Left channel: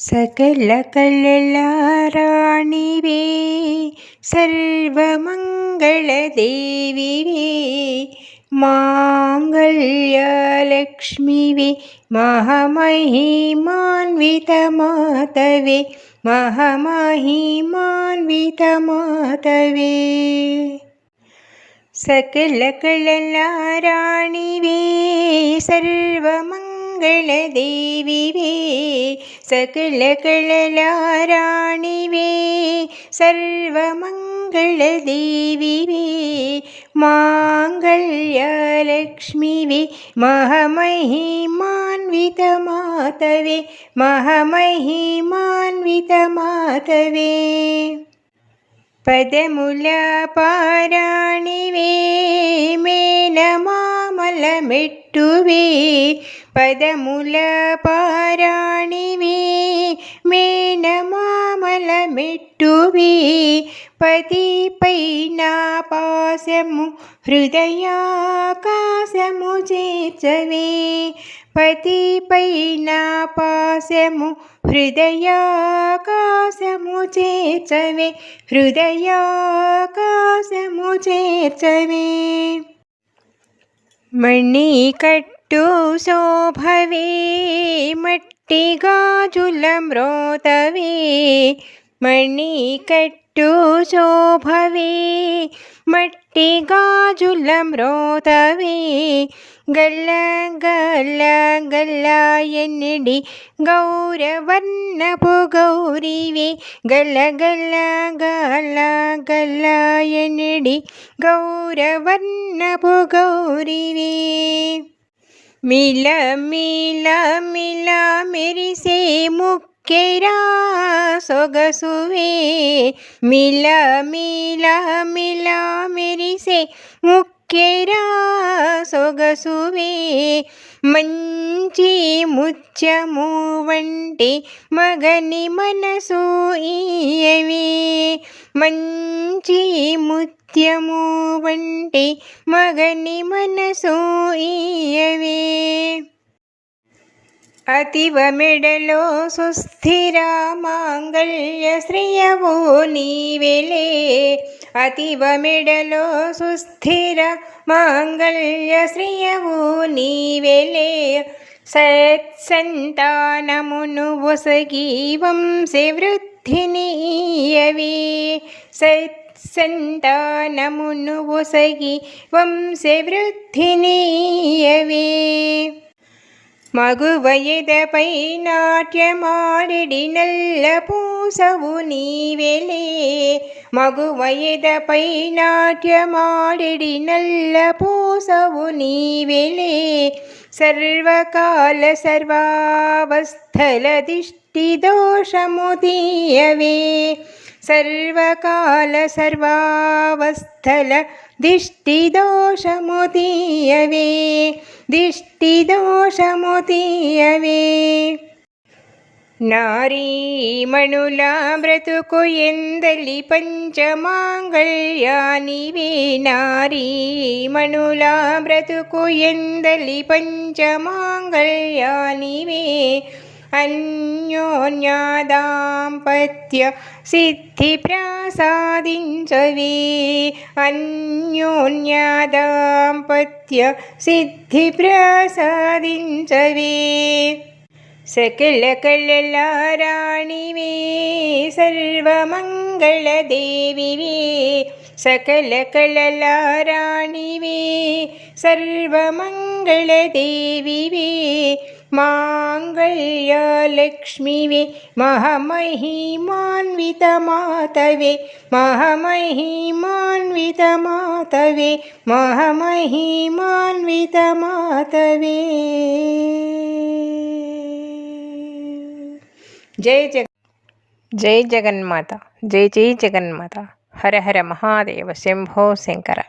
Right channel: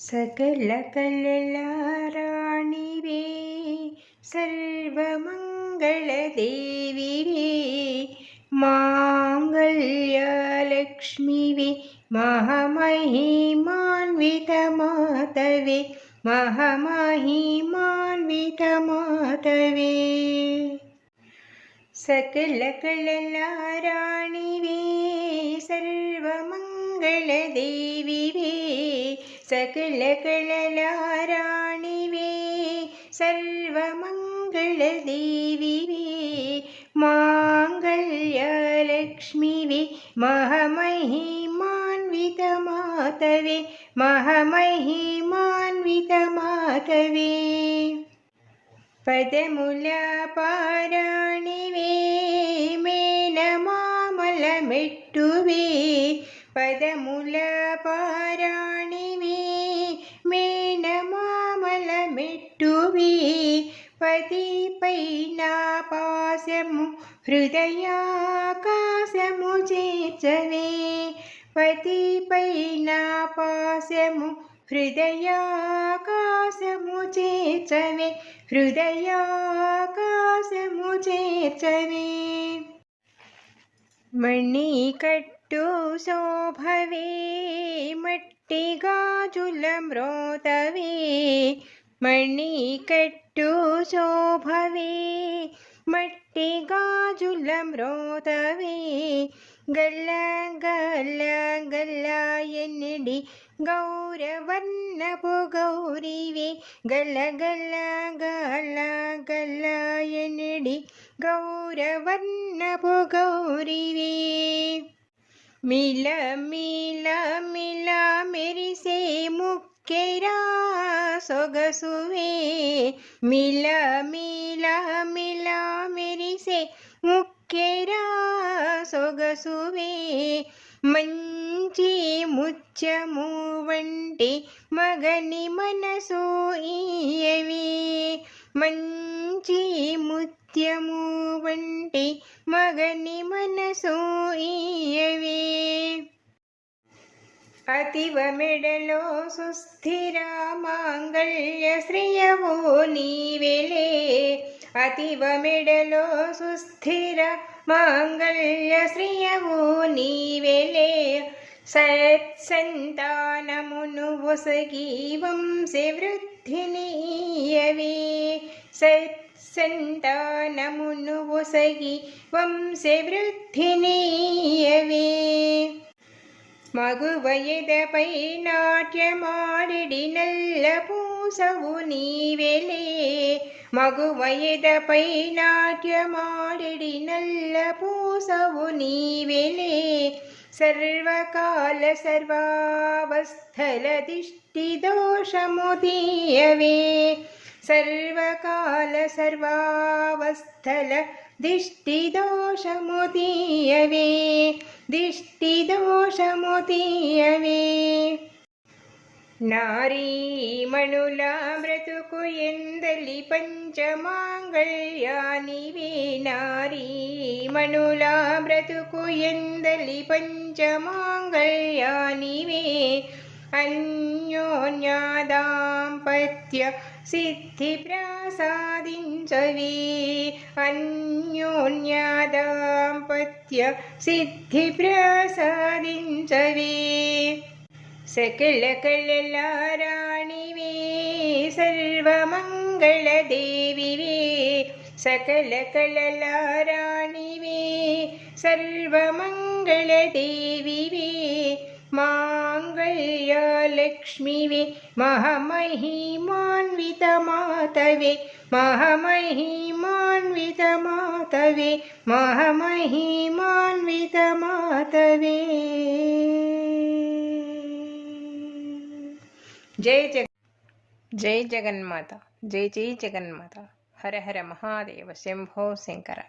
सकल कललाराणिवे सर्वमङ्गलदेविवे माङ्गल्यलक्ष्मीवे महमहिमान्वितमातवे महमहिमान्वितमातवे सकल कललाराणिवे सर्वमङ्गलदेविवे सकल कललाराणिवे सर्वमङ्गलदेविवे माङ्गल्यलक्ष्मीवे महमहिमान्वितमातवे महमहिमान्वितमातवे पदमुल पाराणिवे मेनमामलमेट्टुवे पदमुल पाराणिवे मेनमामलमेट्टुवे पतिपैन पासमु हृदयाकाशमु చేర్చవే పతిపైన పాశము హృదయాకాశము చేర్చవే హృదయాకాశము చేర్చవే మణికట్టు శోభవే మట్టి గాజుల మ్రోతవే మణికట్టు శోభవే మట్టి గాజుల మ్రోతవే గల్ల గల్ల గల్ల ఎన్నిడి గౌరవర్ణపు గౌరివే గల్ల గల్ల గల్ల గల్ల ఎన్నిడి గౌరవర్ణపు గౌరివే మిల మిల మిల మెరిసే ముక్కెరా సొగసువే మిల మిల మిల మెరిసే ముక్కెరా సొగసువే మంచి ముత్యము వంటి మగని మనసు ఇయవే మంచి ముత్యము వంటి మగని మనసు ఇయవే అతివ మెడలో సుస్థిర మాంగళ్య శ్రియవో నీవెలే అతివ మెడలో సుస్థిర మాంగళ్య శ్రియవో నీవెలే సత్సంతానమును ఒసగి వంశవృద్ధినియవే సత్సంతానమును ఒసగి వంశవృద్ధినియవే మగువయదపై నాట్యమాడిడి నల్ల పూసవు నీవెలే మగువయదపై నాట్యమాడిడి నల్ల పూసవు నీవెలే సర్వకాల సర్వావస్థల దిష్టి దోషము తీయవే సర్వకాల సర్వావస్థల దిష్టి దోషము తీయవే దిష్టి దోషము తీయవే నారీమణుల బ్రతుకు ఎందలి పంచమాంగళ్యానివే నారీమణుల బ్రతుకు ఎందలి పంచమాంగళ్యానివే అన్యోన్యదాంపత్య సిద్ధి ప్రసాదించవే అన్యోన్యదాంపత్య సిద్ధి ప్రసాదించవే सकल कललाराणिवे सर्वमङ्गलदेविवे सकल कललाराणिवे सर्वमङ्गलदेविवे माङ्गल्यलक्ष्मीवे महमहिमान्वितमातवे महमहिमान्वितमातवे महमहिमान्वितमातवे जय जगन्माता जय जय जगन्माता हर हर महादेव शंभो शंकर।